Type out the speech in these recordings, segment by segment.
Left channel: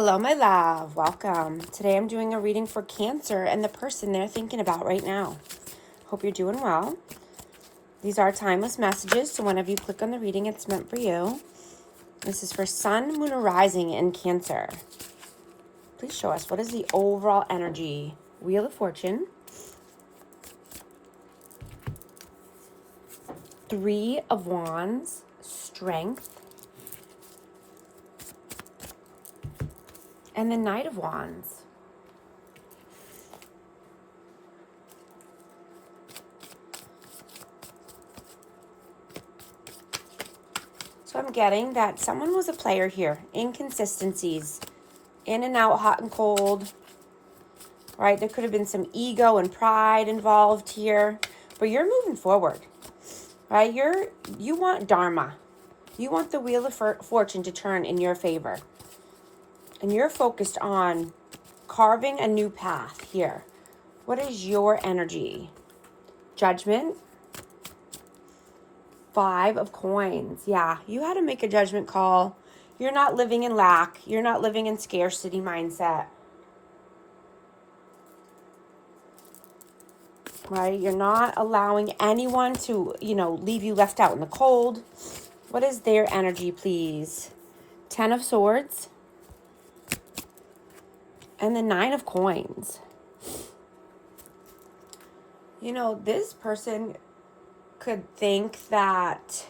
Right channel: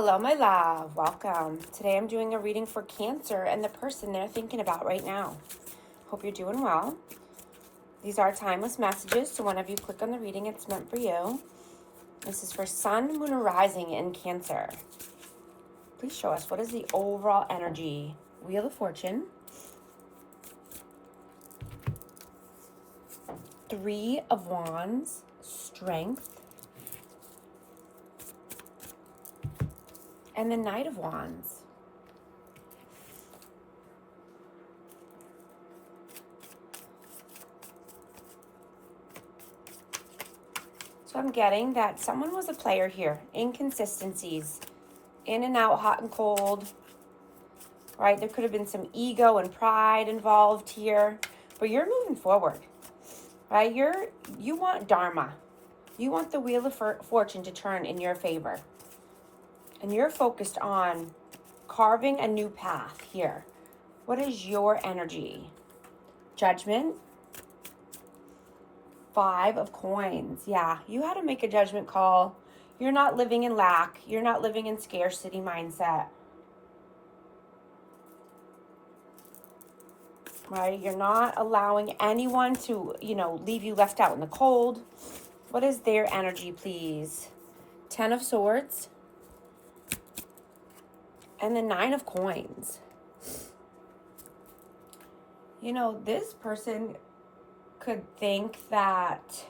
Hello, my love. Welcome. Today I'm doing a reading for Cancer and the person they're thinking about right now. Hope you're doing well. These are timeless messages, so whenever you click on the reading, it's meant for you. This is for Sun, Moon, or Rising in Cancer. Please show us, what is the overall energy? Wheel of Fortune. 3 of Wands. Strength. And the Knight of Wands. So I'm getting that someone was a player here. Inconsistencies. In and out, hot and cold. Right? There could have been some ego and pride involved here. But you're moving forward. Right? You want Dharma. You want the Wheel of Fortune to turn in your favor. And you're focused on carving a new path here. What is your energy? Judgment. 5 of Coins. Yeah, you had to make a judgment call. You're not living in lack. You're not living in scarcity mindset. Right? You're not allowing anyone to, leave you left out in the cold. What is their energy, please? 10 of Swords. And the 9 of Coins. This person could think that,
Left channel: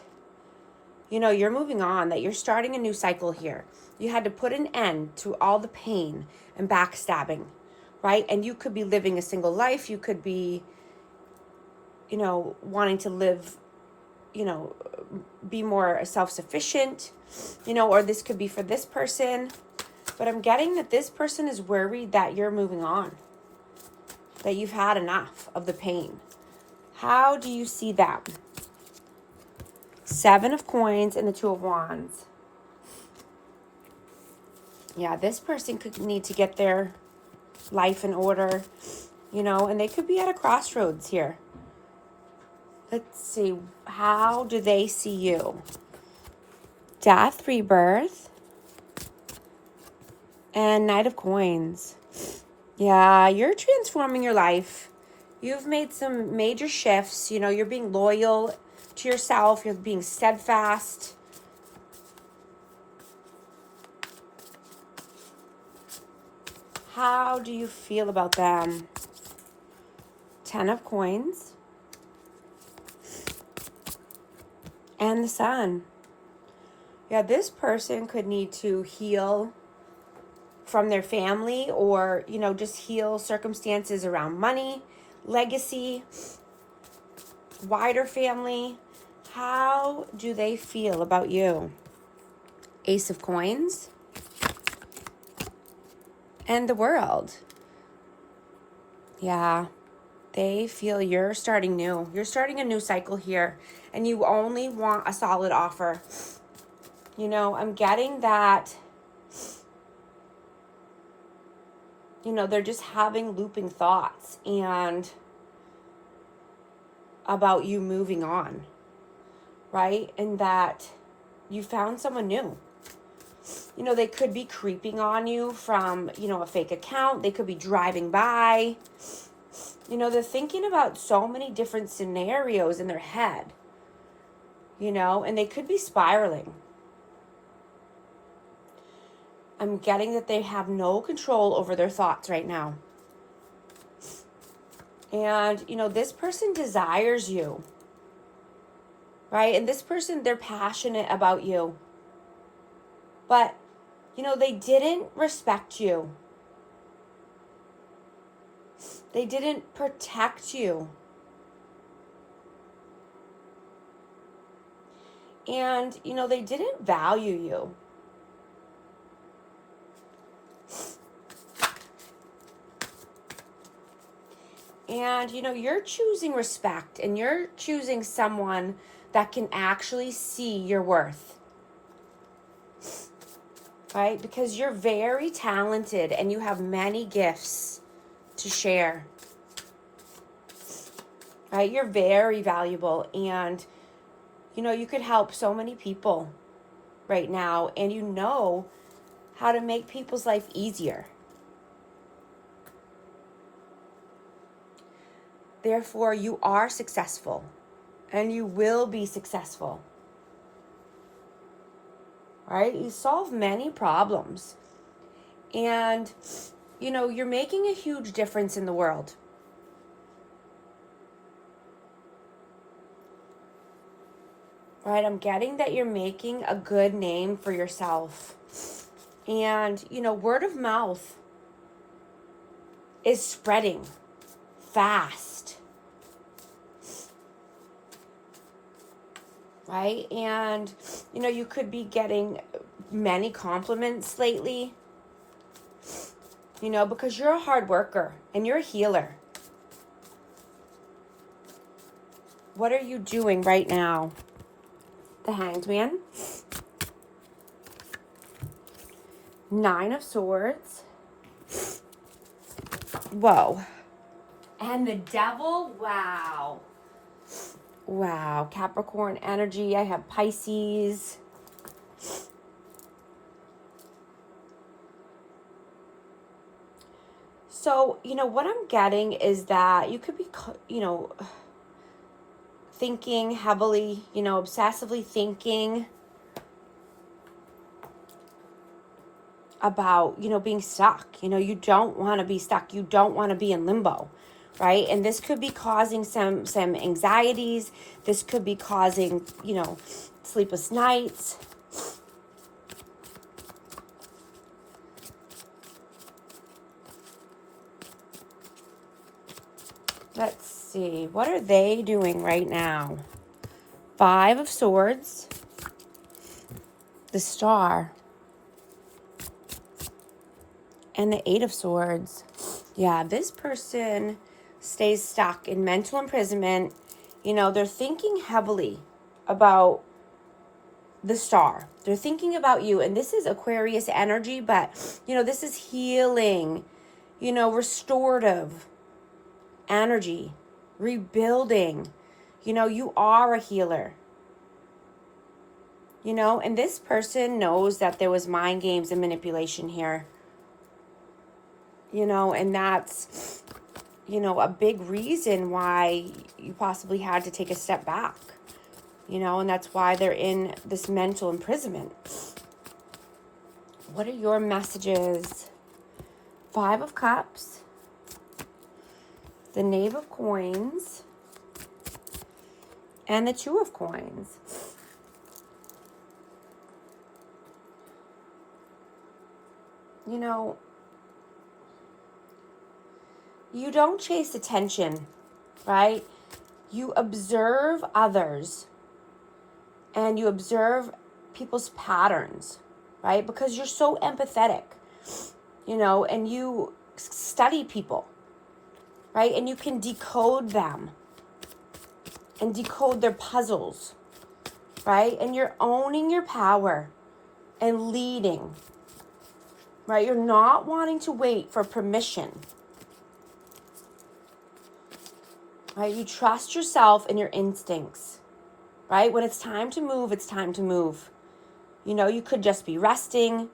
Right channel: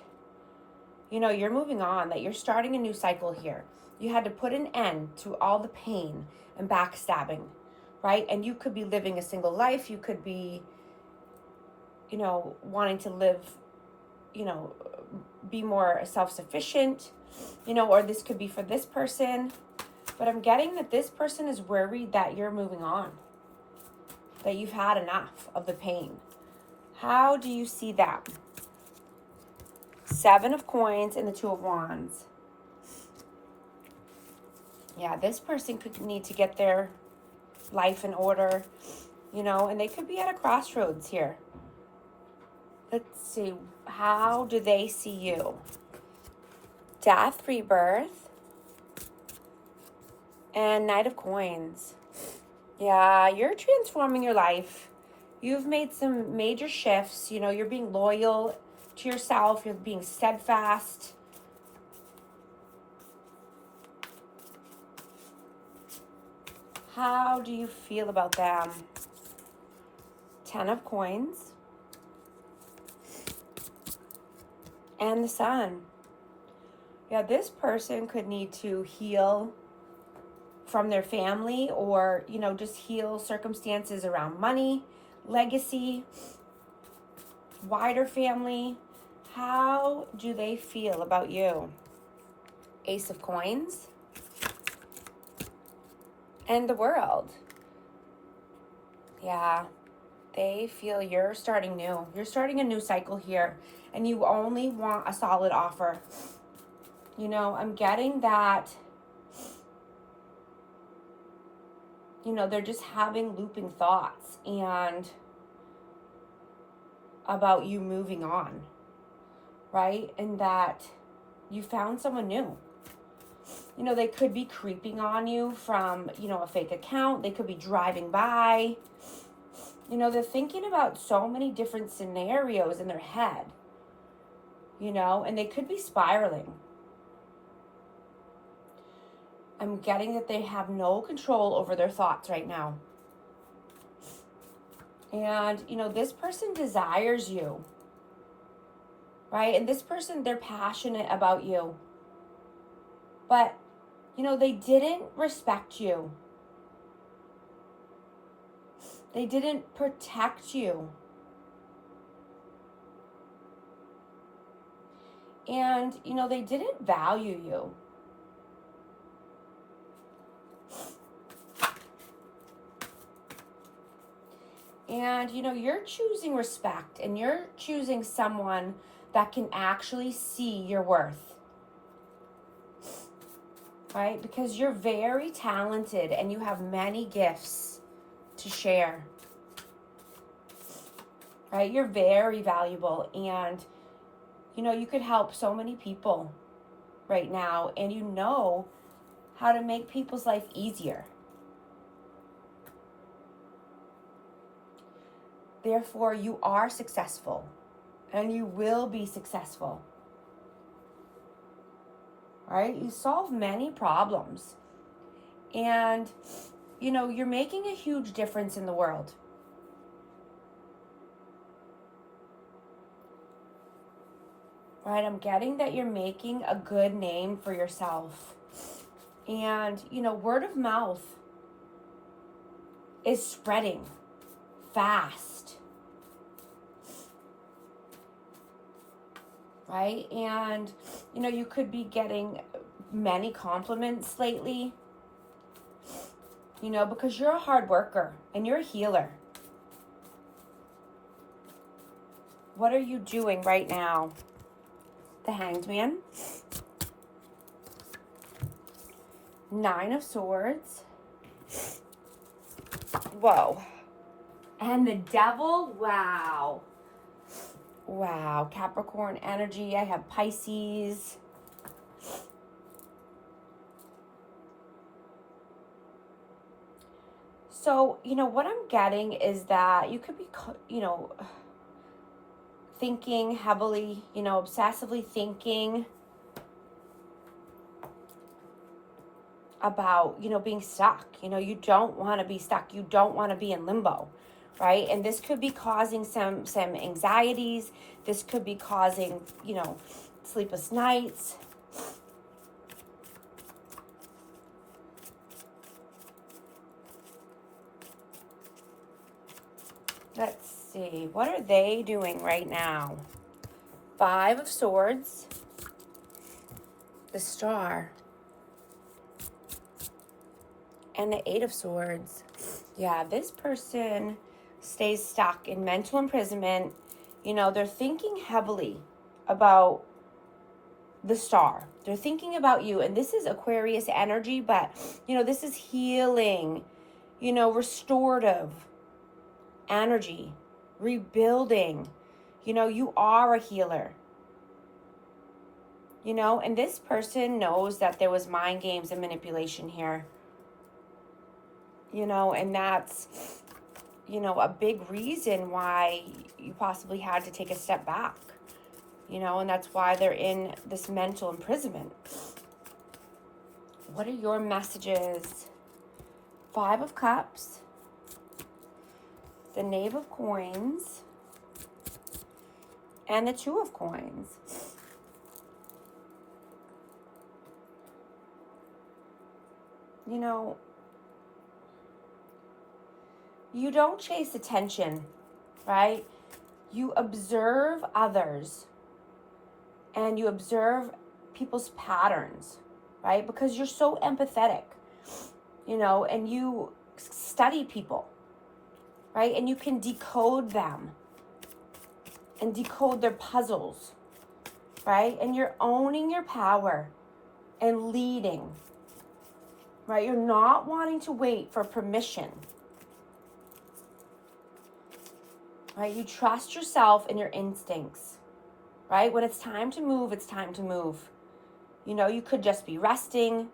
you're moving on, that you're starting a new cycle here. You had to put an end to all the pain and backstabbing, right? And you could be living a single life. You could be, wanting to live, be more self-sufficient, or this could be for this person. But I'm getting that this person is worried that you're moving on, that you've had enough of the pain. How do you see that? 7 of Coins and the 2 of Wands. Yeah, this person could need to get their life in order, and they could be at a crossroads here. Let's see. How do they see you? Death, rebirth. And Knight of Coins. Yeah, you're transforming your life. You've made some major shifts. You're being loyal to yourself. You're being steadfast. How do you feel about them? 10 of Coins. And the Sun. Yeah, this person could need to heal from their family, or just heal circumstances around money, legacy, wider family. How do they feel about you? Ace of Coins and the World. Yeah, they feel you're starting new. You're starting a new cycle here, and you only want a solid offer. I'm getting that they're just having looping thoughts and about you moving on, right? And that you found someone new. They could be creeping on you from, a fake account. They could be driving by. They're thinking about so many different scenarios in their head, and they could be spiraling. I'm getting that they have no control over their thoughts right now. And, this person desires you, right? And this person, they're passionate about you. But, they didn't respect you. They didn't protect you. And, they didn't value you. And, you're choosing respect, and you're choosing someone that can actually see your worth. Right? Because you're very talented and you have many gifts to share. Right? You're very valuable, and, you could help so many people right now, and how to make people's life easier. Therefore, you are successful and you will be successful. All right? You solve many problems. And, you know, you're making a huge difference in the world. Right? I'm getting that you're making a good name for yourself. And, you know, word of mouth is spreading fast. Right? And, you know, you could be getting many compliments lately. You know, because you're a hard worker and you're a healer. What are you doing right now? The Hanged Man. 9 of Swords. Whoa. And the Devil. Wow. Wow. Capricorn energy. I have Pisces. So, you know, what I'm getting is that you could be, you know, thinking heavily, you know, obsessively thinking about, you know, being stuck. You know, you don't want to be stuck. You don't want to be in limbo, right? And this could be causing some anxieties. This could be causing, you know, sleepless nights. Let's see. What are they doing right now? 5 of Swords. The Star. And the 8 of Swords. Yeah, this person stays stuck in mental imprisonment. You know, they're thinking heavily about the Star. They're thinking about you. And this is Aquarius energy, but, you know, this is healing, you know, restorative energy, rebuilding. You know, you are a healer. You know, and this person knows that there was mind games and manipulation here. You know, and that's, you know, a big reason why you possibly had to take a step back. You know, and that's why they're in this mental imprisonment. What are your messages? 5 of Cups. The Knave of Coins. And the 2 of Coins. You know, you don't chase attention, right? You observe others and you observe people's patterns, right? Because you're so empathetic, you know, and you study people, right? And you can decode them and decode their puzzles, right? And you're owning your power and leading, right? You're not wanting to wait for permission. Right? You trust yourself and your instincts, right? When it's time to move, it's time to move. You know, you could just be resting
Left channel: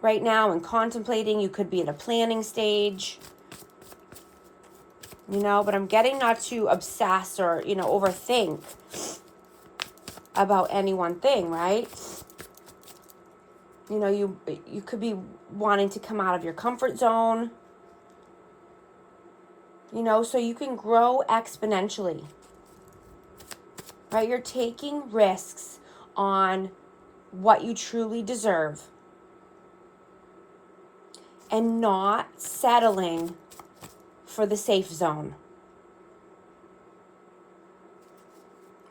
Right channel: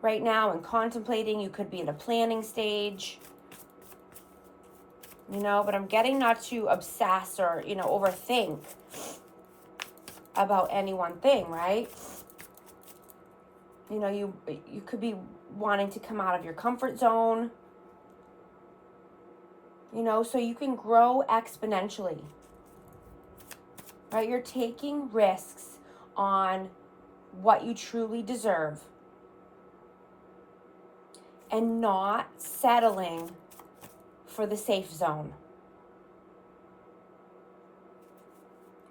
right now and contemplating. You could be in a planning stage, you know, but I'm getting not to obsess or, you know, overthink about any one thing, right? You know, you could be wanting to come out of your comfort zone, you know, so you can grow exponentially, right? You're taking risks on what you truly deserve and not settling for the safe zone,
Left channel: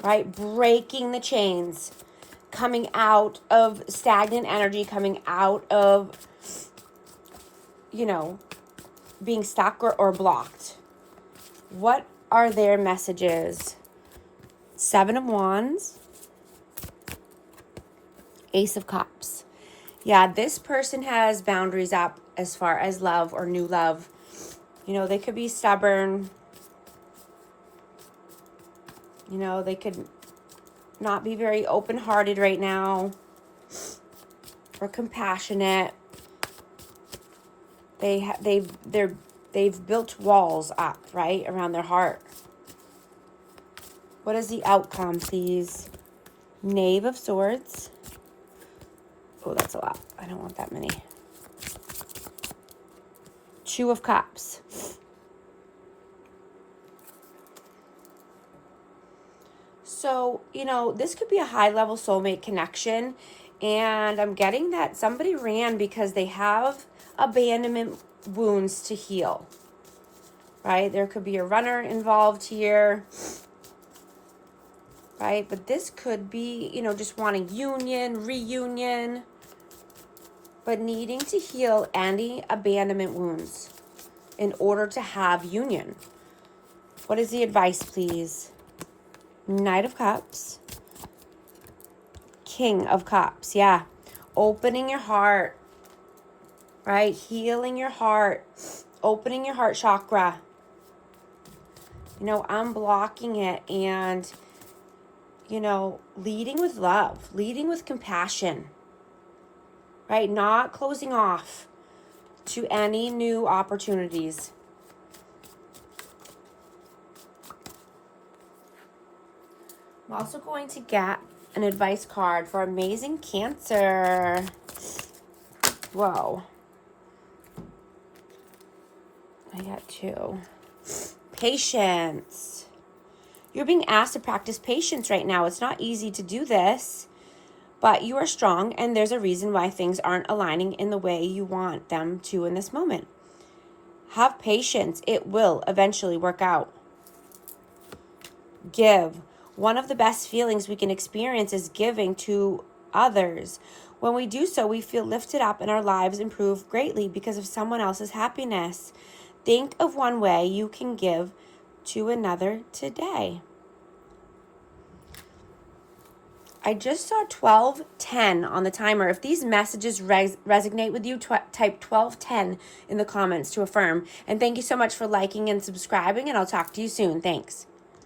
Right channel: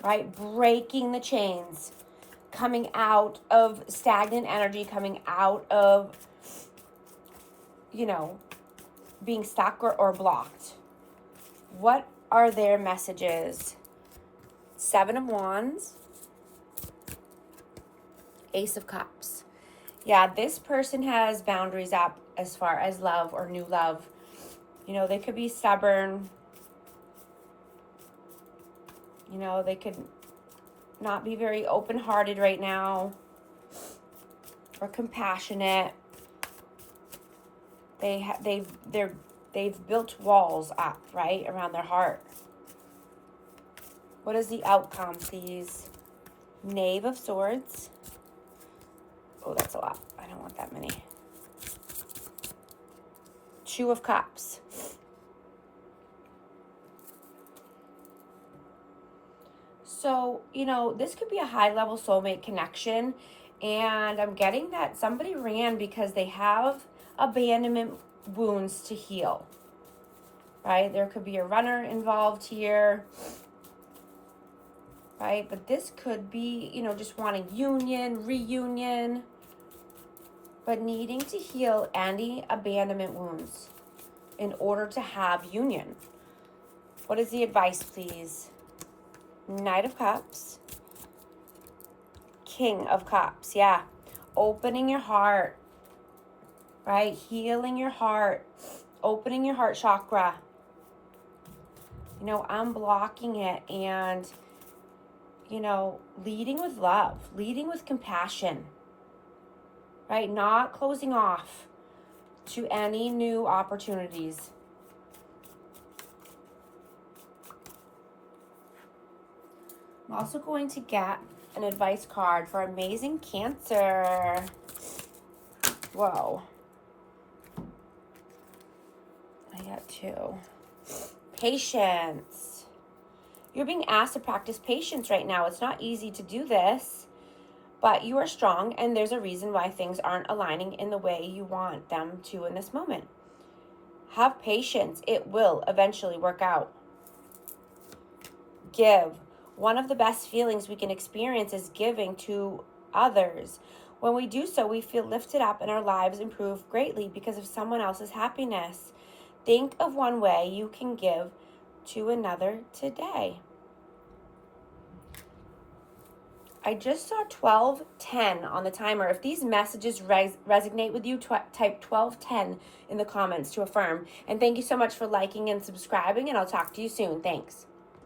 right? Breaking the chains, coming out of stagnant energy, coming out of, you know, being stuck or blocked. What are their messages? 7 of Wands. Ace of Cups. Yeah, this person has boundaries up as far as love or new love. You know, they could be stubborn. You know, they could not be very open-hearted right now. or compassionate. They've built walls up, right, around their heart. What is the outcome, please? Knave of Swords. Oh, that's a lot. I don't want that many. Two of Cups. So, you know, this could be a high-level soulmate connection. And I'm getting that somebody ran because they have abandonment wounds to heal. Right? There could be a runner involved here. Right? But this could be, you know, just wanting union, reunion, but needing to heal any abandonment wounds in order to have union. What is the advice, please? Knight of Cups. King of Cups, yeah. Opening your heart, right? Healing your heart. Opening your heart chakra. You know, unblocking it and, you know, leading with love. Leading with compassion. Right? Not closing off to any new opportunities. I'm also going to get an advice card for amazing Cancer. Whoa. I got two. Patience. You're being asked to practice patience right now. It's not easy to do this, but you are strong, and there's a reason why things aren't aligning in the way you want them to in this moment. Have patience. It will eventually work out. Give. One of the best feelings we can experience is giving to others. When we do so, we feel lifted up and our lives improve greatly because of someone else's happiness. Think of one way you can give to another today. I just saw 1210 on the timer. If these messages resonate with you, type 1210 in the comments to affirm. And thank you so much for liking and subscribing, and I'll talk to you soon. Thanks.